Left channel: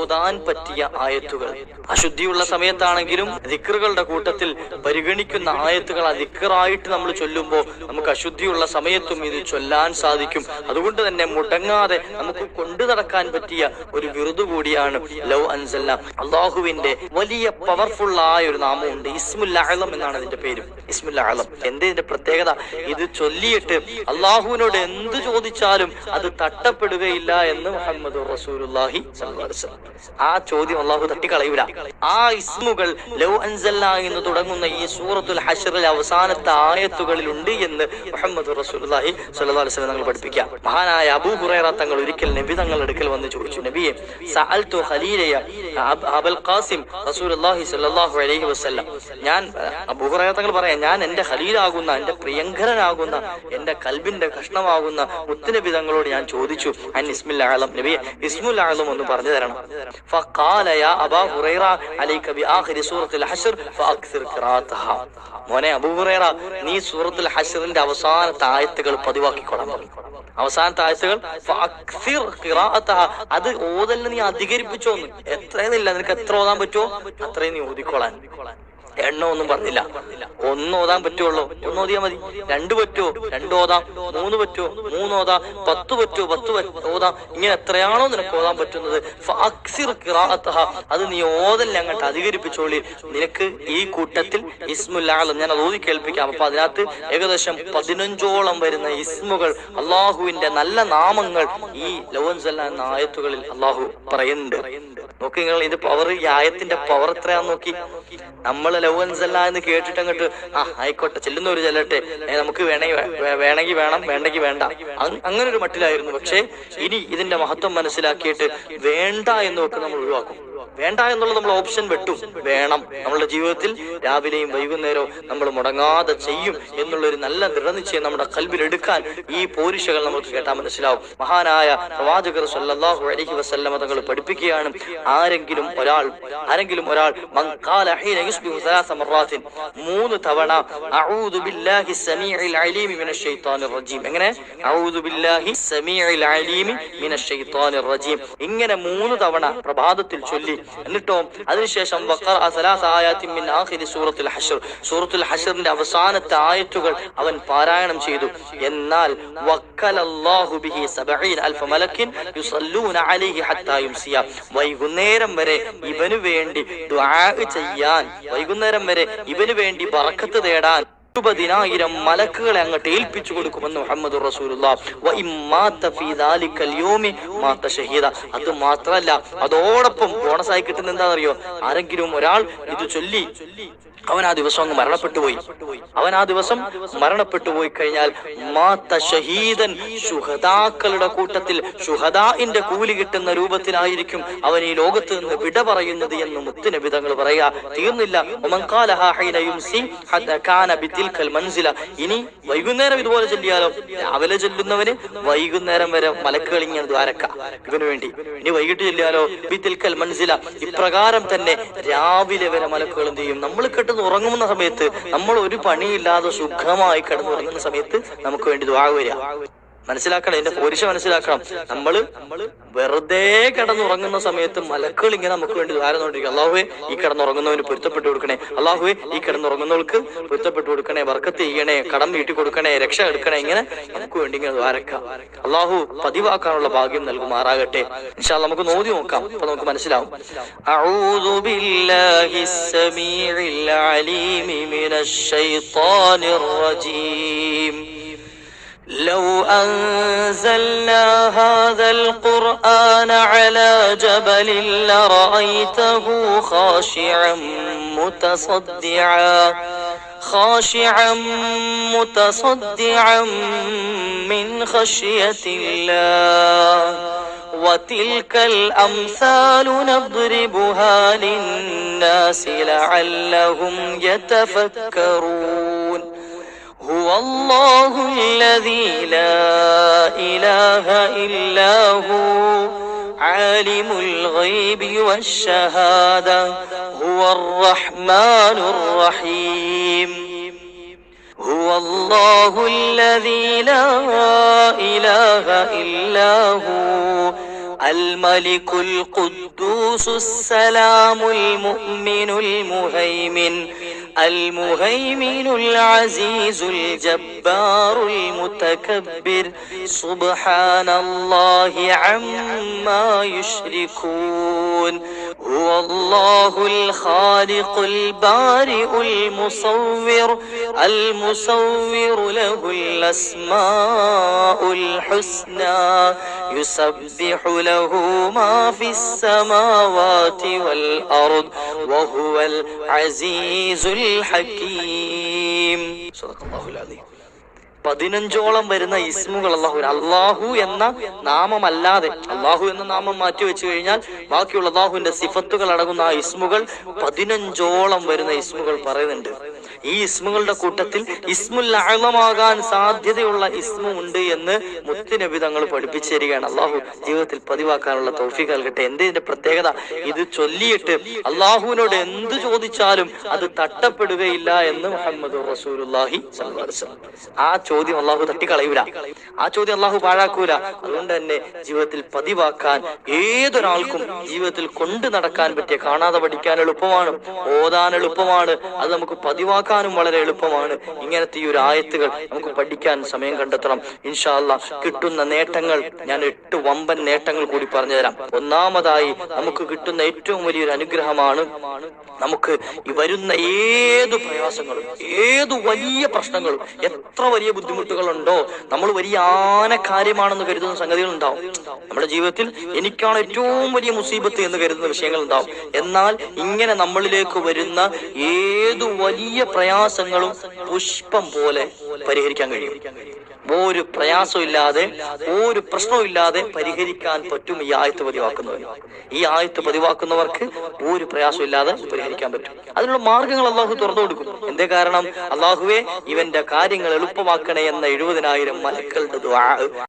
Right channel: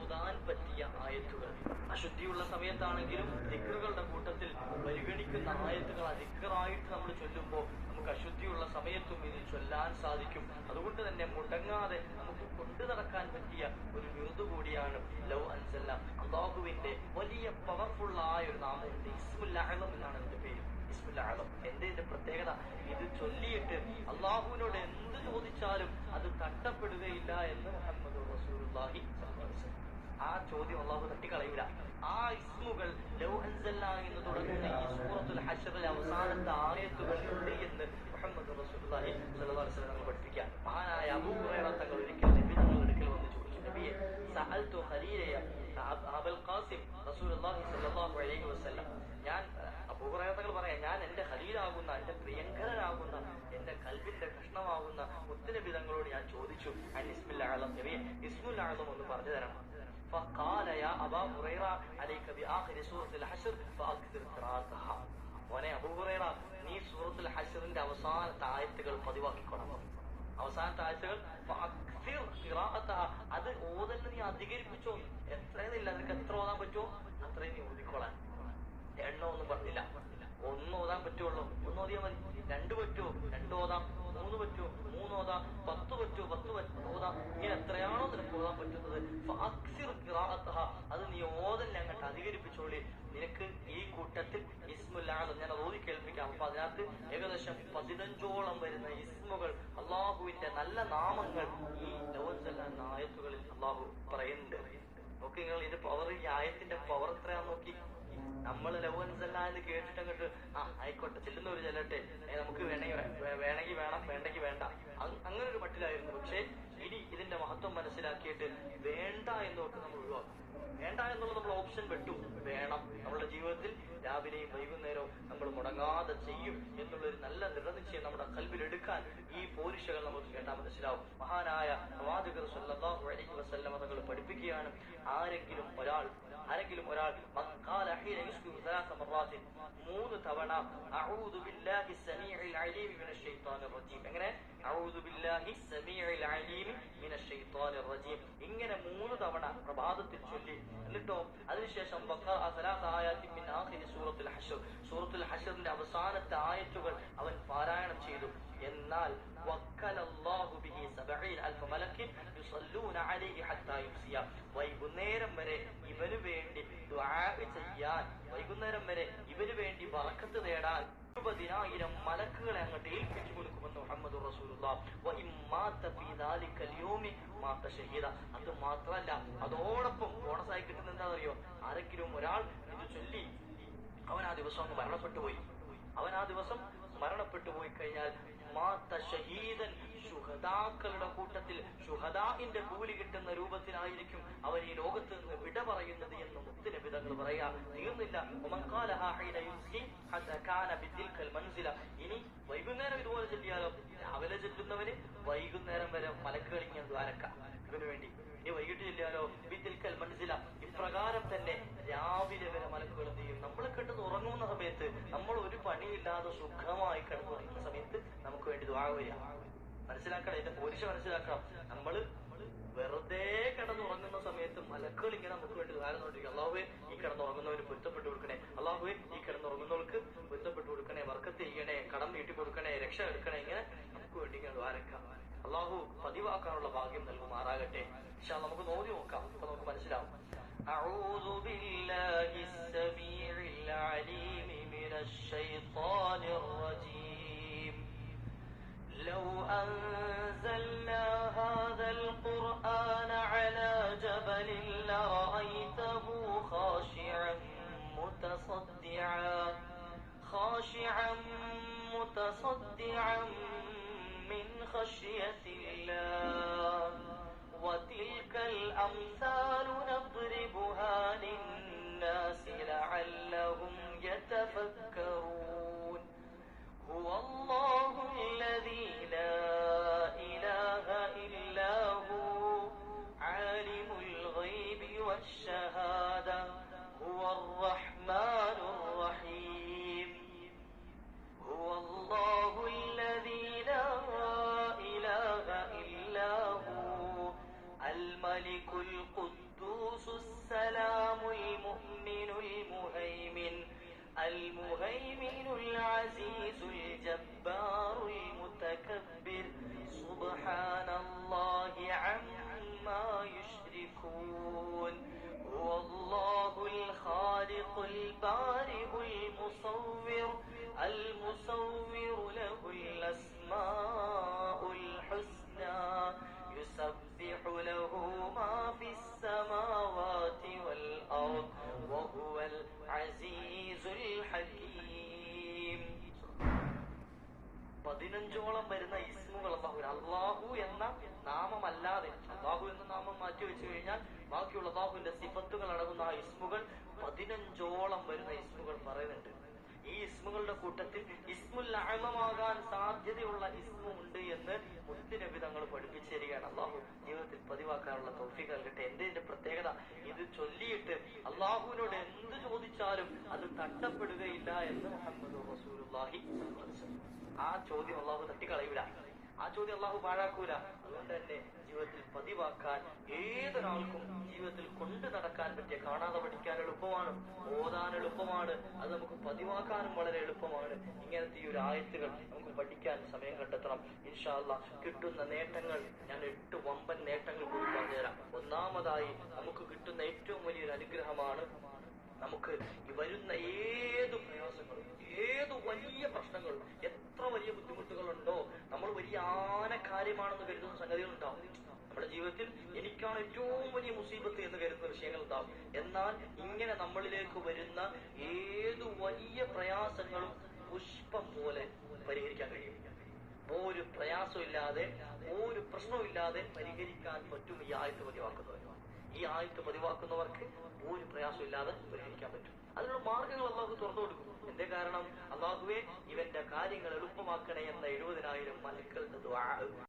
ഓതാൻ പറ്റിയ ആയത്തുകൾ. അശുദ്ധിയുള്ള സമയത്താണെങ്കിലും ദിക്റുകളുടെ കൂട്ടത്തിൽ പരിഗണിക്കുന്ന ആയത്തുകൾ ദിക്റായിട്ട് നമ്മൾ ചൊല്ലുമ്പോൾ നമുക്ക് അശുദ്ധിയുള്ള സമയത്തും ഇത് ചൊല്ലാൻ സാധിക്കും. അതുകൊണ്ട് തന്നെ മുടങ്ങാതെ നമുക്ക് കൊണ്ടു നടക്കാൻ പറ്റിയ ഒരു വിറുദ് കൂടിയാണ് ലൗ അൻസൽന. അള്ളാഹുവിന്റെ വലിയ പവർഫുൾ ആയ ഒരു നാമമുണ്ട്, ഇസ്മുൽ അഅ്ലം എന്നാണ് അതിന്റെ പേര്. ഇസ്മുൽ അഅ്ലം എന്തിന്റെ പ്രത്യേകത? ഇത് ചൊല്ലിയിട്ട് അള്ളാഹുവിനോട് എന്ത് ചോദിച്ചാലും അത് തട്ടപ്പെടുകയില്ല എന്ന് മുഹമ്മദ് റസൂലുള്ളാഹി സ്വല്ലല്ലാഹു അലൈഹി വസല്ലം. ആ ചോദ്യം അള്ളാഹു തട്ടിക്കളയൂല. ആ ഇസ്മുകൾ ലൗ അൻസൽന എന്ന് തുടങ്ങുന്ന ഈ സൂറത്തുൽ ഹശ്റിലെ അവസാനത്തെ ആയത്തുകളിൽ ഉണ്ട് എന്ന് മുഹമ്മദ് റസൂലുള്ളാഹി സ്വല്ലല്ലാഹു അലൈഹി വസല്ലം പഠിപ്പിക്കുക. മഹാനായ അബൂ ഹുറൈറ തങ്ങൾ ഒരിക്കൽ നബി തങ്ങളുടെ അടുക്കൽ വന്ന് ചോദിച്ചു, നബിയെ, സഅൽതു ഖലീലയ അബുൽ ഖാസിം റസൂലുള്ളാഹി സ്വല്ലല്ലാഹു അലൈഹി വസല്ലം, ഞാൻ അബൂ ഹുറൈറ തങ്ങൾ പറയാം, ഞാൻ എന്റെ ഖലീലാകുന്ന, എന്റെ പ്രിയങ്കരനാകുന്ന, എന്റെ കൽബിന്റെ കഷ്ണമാകുന്ന മുത്തുനബി തങ്ങളോട് ഞാൻ ചോദിച്ചു, അൻ ഇസ്മുൽ അഅ്ലം, നബിയെ ഇസ്മുൽ അഅ്ലം ഒന്ന് പറഞ്ഞു തരണം. ഫഖാല യാ അബാ ഹുറൈറ അലൈക ബിആഖിരി സൂറത്തുൽ ഹശ്ർ ഫഅക്സിർ ഖിറാഅതഹ. മോനെ അബൂ ഹുറൈറ, നീ സൂറത്തുൽ ഹശ്റിന്റെ അവസാനത്തെ ആയത്തുകൾ പതിവാക്കിക്കൊള്ളാം. അവസാനത്തെ ആയത്തുകൾ ഫഅക്സിർ ഖിറാഅതഹ, അത് ഓതലിന് നീ അധികരിപ്പിച്ചോന്ന്. എത്രയെന്നില്ല, നിനക്ക് എത്ര ഓതാൻ പറ്റുമോ അത്രയും നീ ഓതിക്കോളാൻ. എണ്ണ ഒന്നും പറഞ്ഞില്ല. ഒന്ന് ഓതാൻ പറ്റുള്ളൂ, ഒന്ന് ഓതിയാ മതി. രണ്ട് പറ്റുമോ, രണ്ട് ഓതാം. മൂന്ന് പറ്റുമോ, മൂന്ന് ഓതാം. 10 പറ്റുമോ, 10 ഓതാം. ഇങ്ങനെ എത്രയാണോ നിനക്ക് ഓതാൻ പറ്റുന്നത് ഫഅക്സിർ ഖിറാഅതഹ, അത് നീ ഓതലിനെ അങ്ങോട്ട് അധികരിപ്പിച്ചോളി. നിനക്ക് ഈ കൂട്ടത്തിൽ ഇസ്മുൽ അഅ്ലം ഞാൻ അത് ഓതി കേൾപ്പിക്കാം. അപ്പൊ അതിനകത്ത് ഏകദേശം 15ഓളം വരുന്ന ഇസ്മുകൾ, അള്ളാഹുവിന്റെ നല്ല നാമങ്ങൾ ഈ ലൗ അൻസൽന എന്ന ആയത്തുകളിൽ അള്ളാഹു പറയുന്നുണ്ട്. നോക്കി നിങ്ങൾ, ഇത് പവർ, ഈ ആയത്തിന്റെ പവർ എത്രയാന്ന് നോക്കി. നമ്മൾ ലൗ അൻസൽന എന്ന് കേട്ടിട്ട് അങ്ങോട്ട് ആയിക്കോട്ടെ ചെല്ലുന്നവര് ചെല്ലട്ടെ, നമുക്ക് വേണമെങ്കിൽ വേണം, വേണ്ടെങ്കിൽ വേണ്ട, അങ്ങനെ ഒരു മട്ടിലായിരുന്നു. പക്ഷെ ഇനി ഇതിന്റെ മഹത്വം മനസ്സിലാക്കിയിട്ട് വേണ്ട എന്നൊക്കെ നമ്മൾ ഒഴിവാക്കും. വേണ്ട എന്നുള്ളത് നമ്മൾ ഓപ്ഷൻ വെട്ടും. വേണം, നമ്മളുടെ ജീവിതത്തിൽ രാവിലെയും വൈകുന്നേരവും നമ്മൾ മുടങ്ങാതെ ചെയ്യും എന്നുള്ളൊരു നല്ല ദൃഢനിശ്ചയം നമ്മുടെ കൽബിൽ എടുക്കാൻ ഈ പോരിശകൾ നമുക്ക് കേട്ടാൽ മനസ്സിലാവും. മഹാനായ പ്രവാചകർ സല്ലല്ലാഹു അലൈഹി വസല്ലം തങ്ങൾ പഠിപ്പിക്കുകയാണ്, ആരെങ്കിലും ഒരാൾ മൻ ഖാല ഹീന യുസ്ബിഹു 3 മററാത്തിൻ, 3 തവണ അഊദു ബില്ലാഹി സമീഇൽ അലീം മിനശ് ശൈത്താനിർ റജീം. എങ്ങനെ? അഊദു ബില്ലാഹി സമീഇൽ അലീം മിനശ് ശൈത്താനിർ റജീം. ഇങ്ങനെ 3 തവണ പ്രഭാതത്തിൽ ചൊല്ലി, എന്നിട്ടോ അതിനുശേഷം സൂറത്തുൽ ഹശ്റിന്റെ അവസാനത്തെ ആയത്തുകൾ അവൻ പാരായണം ചെയ്തു. എന്നാൽ വൈകുന്നേരം വരെ ഇവനു വേണ്ടി ദുആ ചെയ്യാൻ, വൈകുന്നേരം വരെ ഇവനു വേണ്ടി ബറക്കത്ത് തേടാൻ 20,000 മലക്കുകളെ അങ്ങോട്ട് ഏൽപ്പിച്ചു കൊടുക്കുമെന്ന് മുഹമ്മദ് റസൂലുള്ളാഹി. അത് മാത്രല്ല, അതോടൊപ്പം ബോണസായി കിട്ടുന്ന എന്താണെന്നറിയോ? ആരെങ്കിലും ഒരാൾ ഇത് ചൊല്ലി അവൻ ആ ദിവസം അങ്ങ് മരണപ്പെട്ടു പോയി കഴിഞ്ഞാൽ മാത്ത ഷഹീദൻ, ശുഹദാക്കളുടെ കൂട്ടത്തിൽ ശുഹദാഇന്റെ കൂലി കിട്ടുന്ന രൂപത്തിലായിരിക്കും അവൻ ഈ ലോകത്ത് നിന്ന് വിട പറയുന്നത് എന്ന് മുത്തുനബി തങ്ങൾ പറയാ. തീർന്നില്ല. ഇനി വൈകുന്നേരം ഇതുപോലെ ചൊല്ലിയാലോ? രാവിലെ ചൊല്ലുന്നവന് വൈകുന്നേരം വരെ മലക്കുകൾ ഇങ്ങനെ ദ്വാരക്ക ഇവന് വേണ്ടി. ഇനി വൈകിട്ട് ചൊല്ലിയാലോ? ബിതിൽക്കൽ മൻസില. ഇപ്രകാരം തന്നെ രാവിലെ വരെ മലക്കുകൾ എന്ത് ചെയ്യും? നമ്മൾ ഉറങ്ങുന്ന സമയത്ത്, നമ്മൾ ഒരു പണിയില്ലാതെ സുഖമായി കിടന്നുറങ്ങുന്ന സമയത്ത് നമുക്ക് വേണ്ടി ദുആ വരിക. മനസ്സിലാക്കണം, ഇതിന്റെ പോരിശ മനസ്സിലാക്കണം. നമ്മള് വെറുതെ കിടന്നുറങ്ങുന്ന സമയത്ത് മലക്കുകൾ ഇങ്ങനെ നമുക്ക് വേണ്ടി ദ്വാരന്നുകൊണ്ടിരിക്കും. അല്ലാഹുവേ, ഈ കിടന്നുറങ്ങുന്നവന് പൊരുത്തപ്പെട്ടു കൊടുക്കണേ, അല്ലാഹുവേ ഈ കിടന്നുറങ്ങുന്നവർക്ക് പൊരുത്തപ്പെട്ടു കൊടുക്കണേ, ബർക്കത്ത് ചെയ്യണേ, കടം വീട്ടി കൊടുക്കണേ, രക്ഷ എടുക്കണേ, ഇങ്ങനെ നമുക്ക് വേണ്ടി ഇങ്ങനെ ദ്വാരക്കാം. അല്ലാഹു പതിവാക്കാനുള്ള ഭാഗ്യം നൽകുമാറാകട്ടെ. ഇൻഷാ അല്ലാഹ് നമുക്ക് നോതി നോക്കാം, അപ്പൊ നമുക്ക് മനസ്സിലാവും. അഊദു ബില്ലാഹിസ് സമീഇൽ അലീം മിനശ് ശൈത്താനിർ റജീം. لو أنزلنا هذا القرآن على جبل لرأيته خاشعا متصدعا من خشية الله وتلك الأمثال نضربها للناس لعلهم يتفكرون. هو الله الذي لا إله إلا هو عالم الغيب والشهادة هو الرحمن الرحيم. هو الله الذي لا إله إلا هو الملك القدوس السلام المؤمن المهيمن المهيمن العزيز الجبار المتكبر سبحان الله عما يشركون هو الله الخالق البارئ المصور له الأسماء الحسنى يسبح له ما في السماوات والأرض وهو العزيز الحكيم صدق الله العظيم 15ഓളം വരുന്ന ഇസ്മുകൾ അള്ളാഹു എന്ന നാമമല്ലാതെ, അള്ളാഹു എന്ന നാമം മാറ്റി വെച്ചു കഴിഞ്ഞാൽ ബാക്കിയുള്ള അള്ളാഹുവിന്റെ സിഫത്തുകൾ അടങ്ങുന്ന ആ ഇസ്മുകൾ 15ഓളം വരുന്ന ഇസ്മുകൾ പറയുന്നുണ്ട്. ഈ ഇസ്മുകളുടെ കൂട്ടത്തിൽ ഇസ്മുൽ അഅ്ലമാകാൻ സാധ്യതയുള്ള ഇസ്മു ഉണ്ട് എന്ന് മുത്തുനബി തങ്ങൾ പഠിപ്പിച്ചു തരികയാണ്. അള്ളാഹു ജീവിതത്തിൽ പതിവാക്കാനുള്ള തൗഫീഖ് നൽകട്ടെ. എന്തിന്റെ പ്രത്യേകത? ഇത് ചൊല്ലിയിട്ട് അള്ളാഹുവിനോട് എന്ത് ചോദിച്ചാലും അത് തട്ടപ്പെടുകയില്ല എന്ന് മുഹമ്മദ് റസൂലുള്ളാഹി സ്വല്ലല്ലാഹു അലൈഹി വസല്ലം. ആ ചോദ്യം അള്ളാഹു തട്ടിക്കളയൂല, ആ ചോദ്യം അള്ളാഹു പാഴാക്കൂല. അതുകൊണ്ട് തന്നെ ജീവിതത്തിൽ പതിവാക്കാൻ ഏതൊരാൾക്കും ജീവിതത്തിൽ കൊണ്ടു നടക്കാൻ പറ്റിയ, കാണാതെ പഠിക്കാൻ എളുപ്പമാണ്, ഓതാൻ എളുപ്പമാണ്, അത് നമുക്ക് പതിവാക്കാനും വളരെ എളുപ്പമാണ്. ഇങ്ങനത്തെ ഈ ഒരു ആയത്തുകൾ നമുക്ക് പഠിക്കാൻ സമയം കണ്ടെത്തണം. ഇൻഷാ അല്ലാഹ് കിട്ടുന്ന നേട്ടങ്ങൾ ഞാൻ 8 വമ്പൻ നേട്ടങ്ങൾ കൂടി പറഞ്ഞു തരാം. ഒന്നാമതായി നമുക്ക് കിട്ടുന്ന ഏറ്റവും വലിയൊരു അനുഗ്രഹമാണ്, നമുക്ക് ഈ വരുന്ന ഏതു പ്രയാസങ്ങളും ഏതു വലിയ പ്രശ്നങ്ങളും എത്ര വലിയ ബുദ്ധിമുട്ടുകളുണ്ടോ, നമ്മൾ വലിയ കാര്യമാണെന്ന് കരുതുന്ന സംഗതികൾ ഉണ്ടാവും. നമ്മുടെ ജീവിതത്തിൽ എനിക്കാണ് ഏറ്റവും വലിയ മുസീബത്ത് എന്ന് കരുതുന്ന വിഷയങ്ങൾ ഉണ്ടാവും. എന്നാൽ ഇങ്ങനെ നമ്മളിലേക്ക് വരുന്ന ഏതു വലിയ പ്രയാസങ്ങളും പുഷ്പം പോലെ പരിഹരിക്കാൻ കഴിയും. ഒരു പ്രയാസവും ഇല്ലാതെ, ഒരു പ്രശ്നവും ഇല്ലാതെ പരിഹരിക്കാൻ പറ്റും ഈ ആയത്ത് പതിവാക്കുന്നവർ. ഈ ആയത്ത് പതിവാക്കുന്നവർക്ക് ഒരു പ്രയാസം ഇല്ലാതെ പരിഹരിക്കാൻ പറ്റും. അതിനുള്ള മാർഗങ്ങൾ അള്ളാഹു തുറന്നു കൊടുക്കും. എന്തേ കാരണം? അള്ളാഹുവേ ഇവന്റെ കാര്യങ്ങൾ എളുപ്പമാക്കണേ എന്ന 70,000 മലക്കളുടെ ദുആ